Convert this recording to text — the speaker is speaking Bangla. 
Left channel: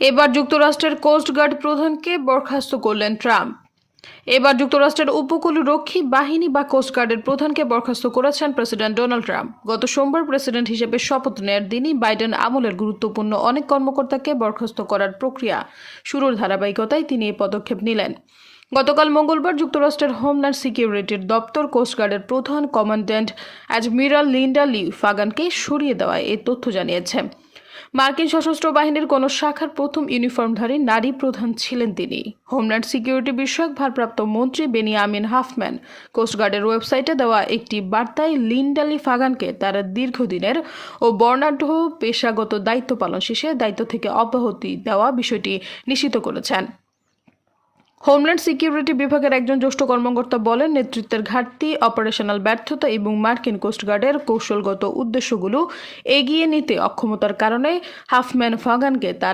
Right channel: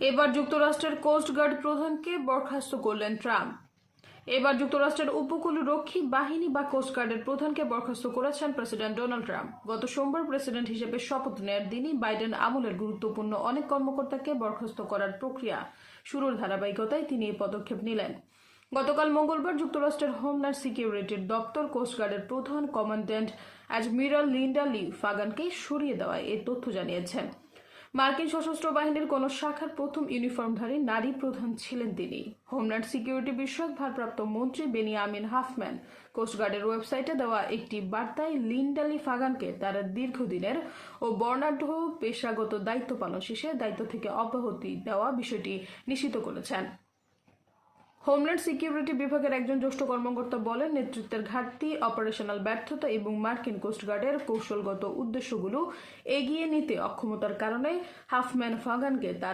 এবার যুক্তরাষ্ট্রের কোস্টগার্ড প্রধানকে বরখাস্ত করলেন ট্রাম্প। এবার যুক্তরাষ্ট্রের উপকূল রক্ষী বাহিনী বা কোস্টগার্ডের প্রধানকে বরখাস্ত করেছেন প্রেসিডেন্ট ডোনাল্ড ট্রাম্প। গত সোমবার প্রেসিডেন্ট হিসেবে শপথ নেয়ার দিনই বাইডেন আমলের গুরুত্বপূর্ণ অনেক কর্মকর্তাকে বরখাস্ত করার প্রক্রিয়া শুরুর ধারাবাহিকতায় তিনি এই পদক্ষেপ নিলেন। গতকাল মঙ্গলবার যুক্তরাষ্ট্রের হোমল্যান্ড সিকিউরিটির দপ্তর কোস্টগার্ডের প্রধান কমান্ড্যান্ট অ্যাডমিরাল লিন্ডা লি ফাগানকে সরিয়ে দেওয়ায় এই তথ্য জানিয়েছে। মার্কিন সশস্ত্র বাহিনীর কোনো শাখার প্রথম ইউনিফর্মধারী নারী প্রধান ছিলেন তিনি। হোমল্যান্ড সিকিউরিটি বিষয়ক ভারপ্রাপ্ত মন্ত্রী বেনিয়ামিন হাফম্যান কোস্টগার্ডের ওয়েবসাইটে দেওয়া একটি বার্তায় লিন্ডালি ফাগানকে তারা দীর্ঘদিনের ও বর্ণাঢ্য পেশাগত দায়িত্ব পালন শেষে দায়িত্ব থেকে অব্যাহতি দেওয়া বিষয়টি নিশ্চিত করেছেন। হোমল্যান্ড সিকিউরিটি বিভাগের একজন জ্যেষ্ঠ কর্মকর্তা বলেন, নেতৃত্বের ঘাটতি, অপারেশনাল ব্যর্থতা এবং মার্কিন কোস্টগার্ডের কৌশলগত উদ্দেশ্যগুলো এগিয়ে নিতে অক্ষমতার কারণে হাফম্যান ফাগানকে তার